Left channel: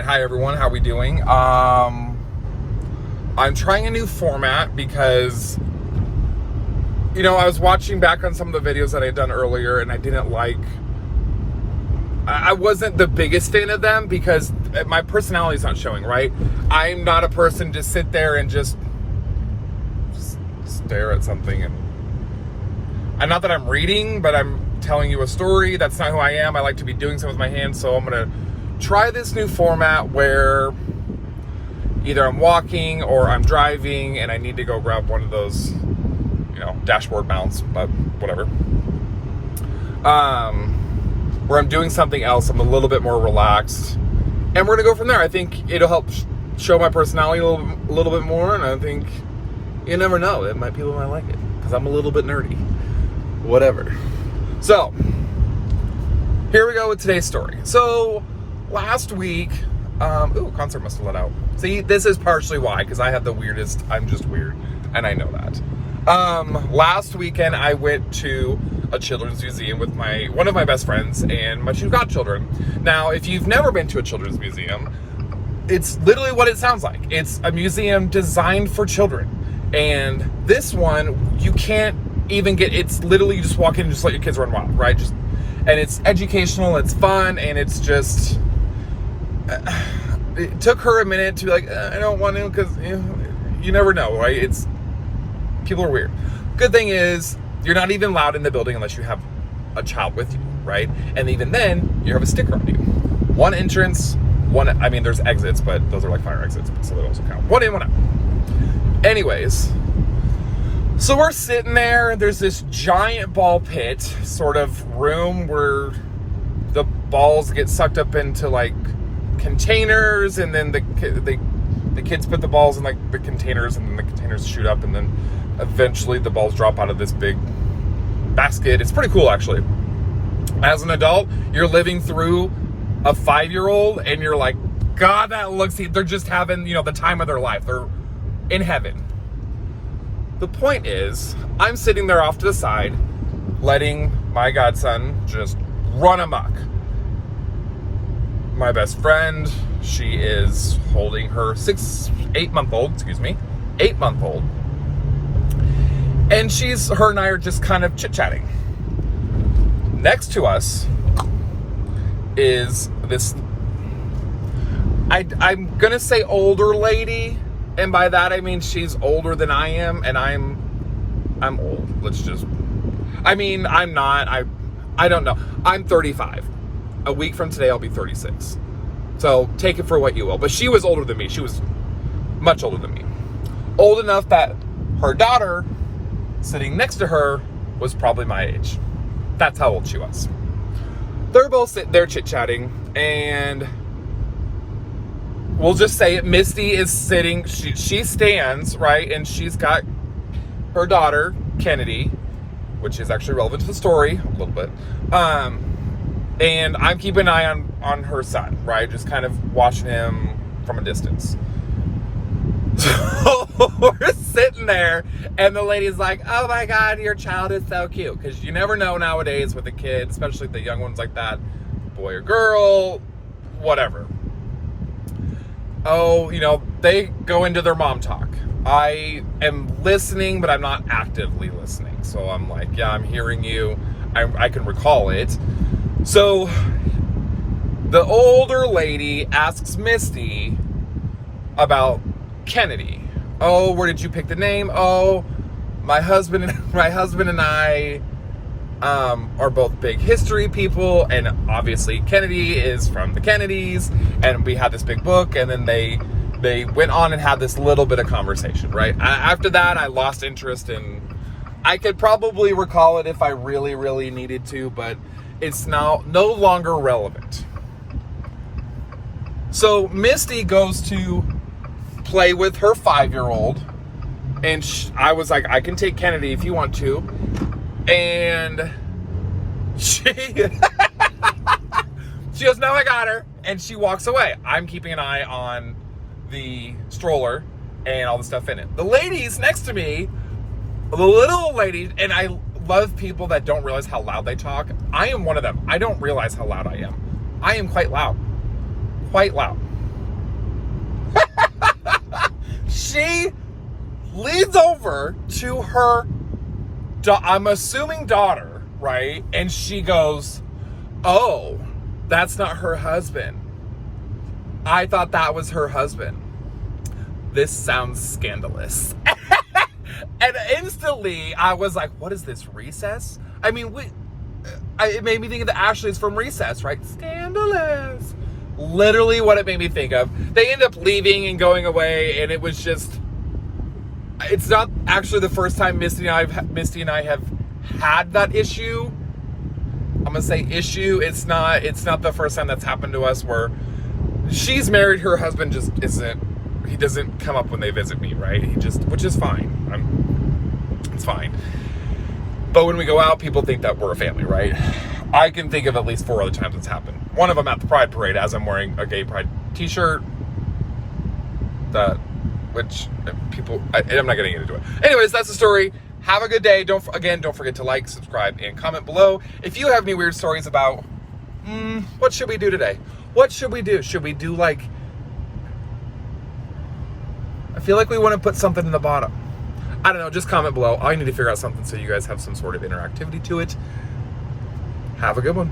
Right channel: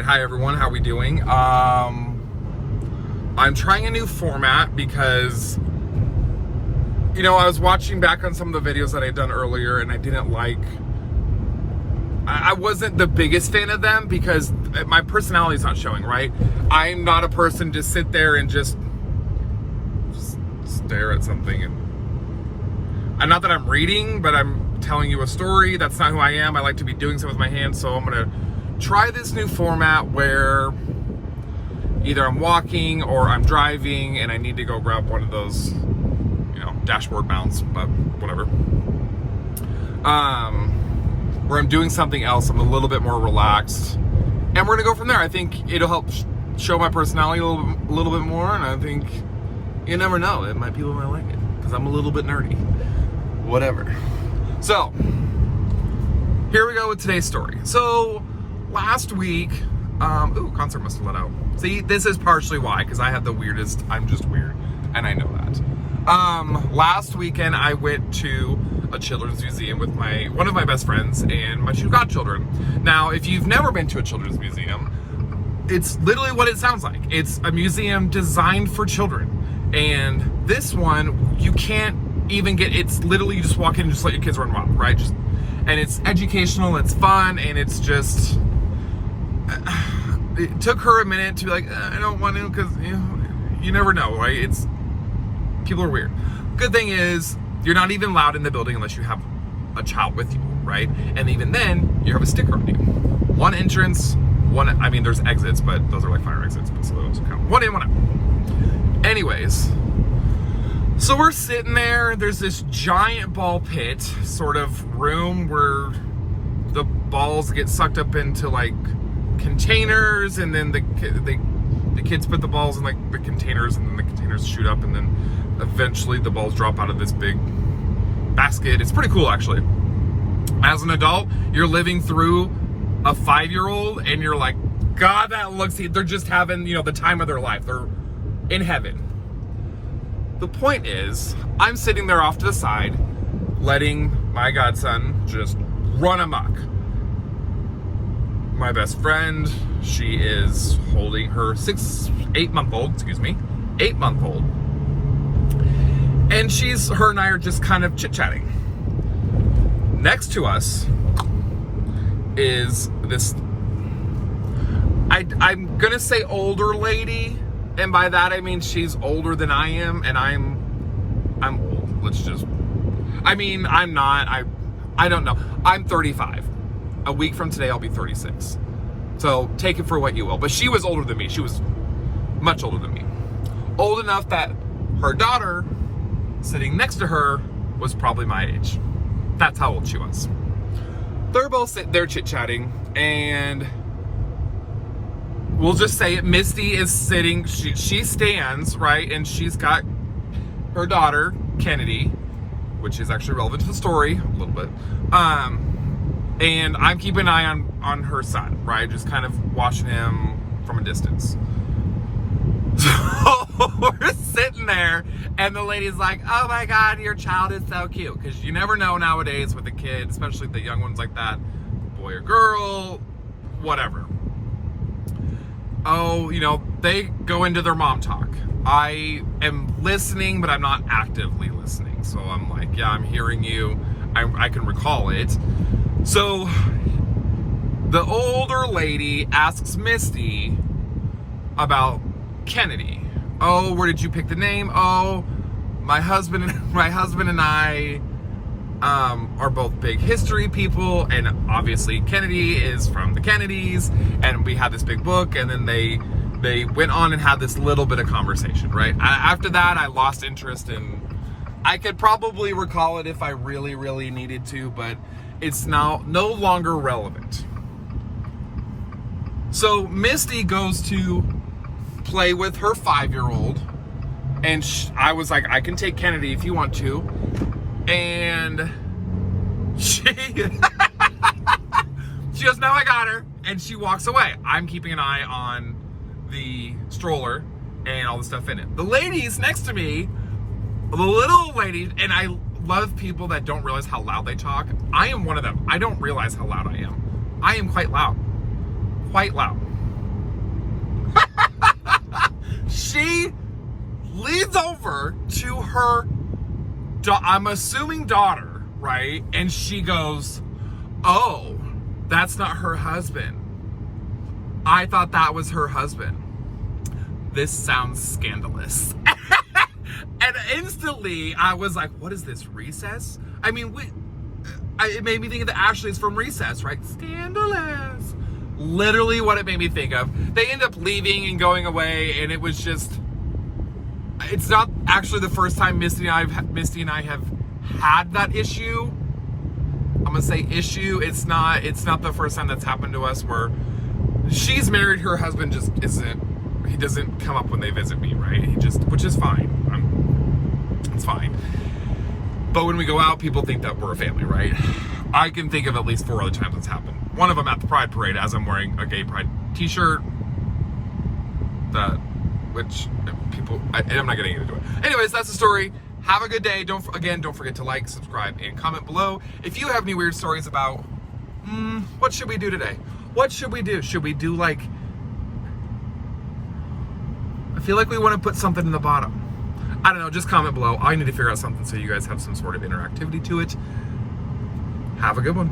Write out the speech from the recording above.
right, hi everyone, how we doing? I'm trying a new format because, you know, I was watching back on some of the videos that I'd done earlier and I didn't like, I wasn't the biggest fan of them because my personality is not showing, right? I'm not a person to sit there and just stare at something and not that I'm reading, but I'm telling you a story. That's not who I am. I like to be doing something with my hands, so I'm gonna try this new format where either I'm walking or I'm driving and I need to go grab one of those, you know, dashboard mounts, but whatever. Where I'm doing something else, I'm a little bit more relaxed, and we're gonna go from there. I think it'll help show my personality a little bit more, and I think you never know, it might people might like it because I'm a little bit nerdy. Whatever. So here we go with today's story. So last week, concert must have let out. See, this is partially why, because I have the weirdest, I'm just weird, and I know that. Last weekend I went to a children's museum with one of my best friends and my two godchildren. Now, if you've never been to a children's museum, it's literally what it sounds like. It's a museum designed for children. And this one, you can't even it's literally you just walk in and just let your kids run wild, right? And it's educational, it's fun, and it's just, it took her a minute to be like, I don't want to, because you never know, right? People are weird. Good thing is, you're not even allowed in the building unless you have a child with you, right? And even then, you have a sticker on you. One entrance, there's exits, but those are like fire exits, so they also count. One in, one out. Anyways, so we're sitting there, there's this giant ball pit sort of room where the balls get sucked up into like containers, and then the kids put the balls in like the containers, and then the containers shoot up, and then eventually the balls drop out of this big basket. It's pretty cool, actually. As an adult, you're living through a 5-year-old and you're like, God, they're just having, the time of their life. They're in heaven. The point is, I'm sitting there off to the side, letting my godson just run amok. My best friend, she is holding her 8-month-old, and her and I are just kind of chit-chatting. Next to us is this, I'm gonna say older lady, and by that I mean she's older than I am, and I'm old. I'm not, I don't know. I'm 35. A week from today, I'll be 36. So take it for what you will. But she was older than me. She was much older than me. Old enough that her daughter, sitting next to her, was probably my age. That's how old she was. They're both sitting there chit-chatting, and we'll just say it, Misty is sitting, she stands, right, and she's got her daughter, Kennedy, which is actually relevant to the story a little bit, and I'm keeping an eye on her son, right, just kind of watching him from a distance. So we're sitting there, and the lady's like, oh my God, your child is so cute. Because you never know nowadays with a kid, especially the young ones like that, boy or girl, whatever. Oh, they go into their mom talk. I am listening, but I'm not actively listening. So I'm like, yeah, I'm hearing you. I can recall it. So the older lady asks Misty about Kennedy. Oh, where did you pick the name? Oh, my husband and I are both big history people, and obviously Kennedy is from the Kennedys, and we had this big book, and then they went on and had this little bit of conversation, right? After that, I lost interest, and I could probably recall it if I really, really needed to, but it's now no longer relevant. So Misty goes to play with her 5-year-old, and I was like, I can take Kennedy if you want to, and she goes, no, I got her, and she walks away. I'm keeping an eye on the stroller and all the stuff in it. The ladies next to me, the little ladies, and I love people that don't realize how loud they talk. I am one of them. I don't realize how loud I am. I am quite loud. Quite loud. She leans over to her, I'm assuming daughter, right? And she goes, oh, that's not her husband. I thought that was her husband. This sounds scandalous. And instantly I was like, what is this, Recess? I mean, it made me think of the Ashleys from Recess, right? Scandalous. Literally what it made me think of. They end up leaving and going away, and it was just, it's not actually the first time Misty and I have had that issue. I'm gonna say issue. It's not the first time that's happened to us, where she's married, her husband just isn't, he doesn't come up when they visit me, right? Which is fine. It's fine. But when we go out, people think that we're a family, right? I can think of at least 4 other times it's happened. One of them at the Pride Parade, as I'm wearing a gay Pride t-shirt. Which people, I'm not getting into it. Anyways, that's the story. Have a good day. Don't forget to like, subscribe, and comment below. If you have any weird stories about, what should we do today? What should we do? Should we do like, I feel like we want to put something in the bottom. I don't know, just comment below. I need to figure out something so you guys have some sort of interactivity to it. Have a good one.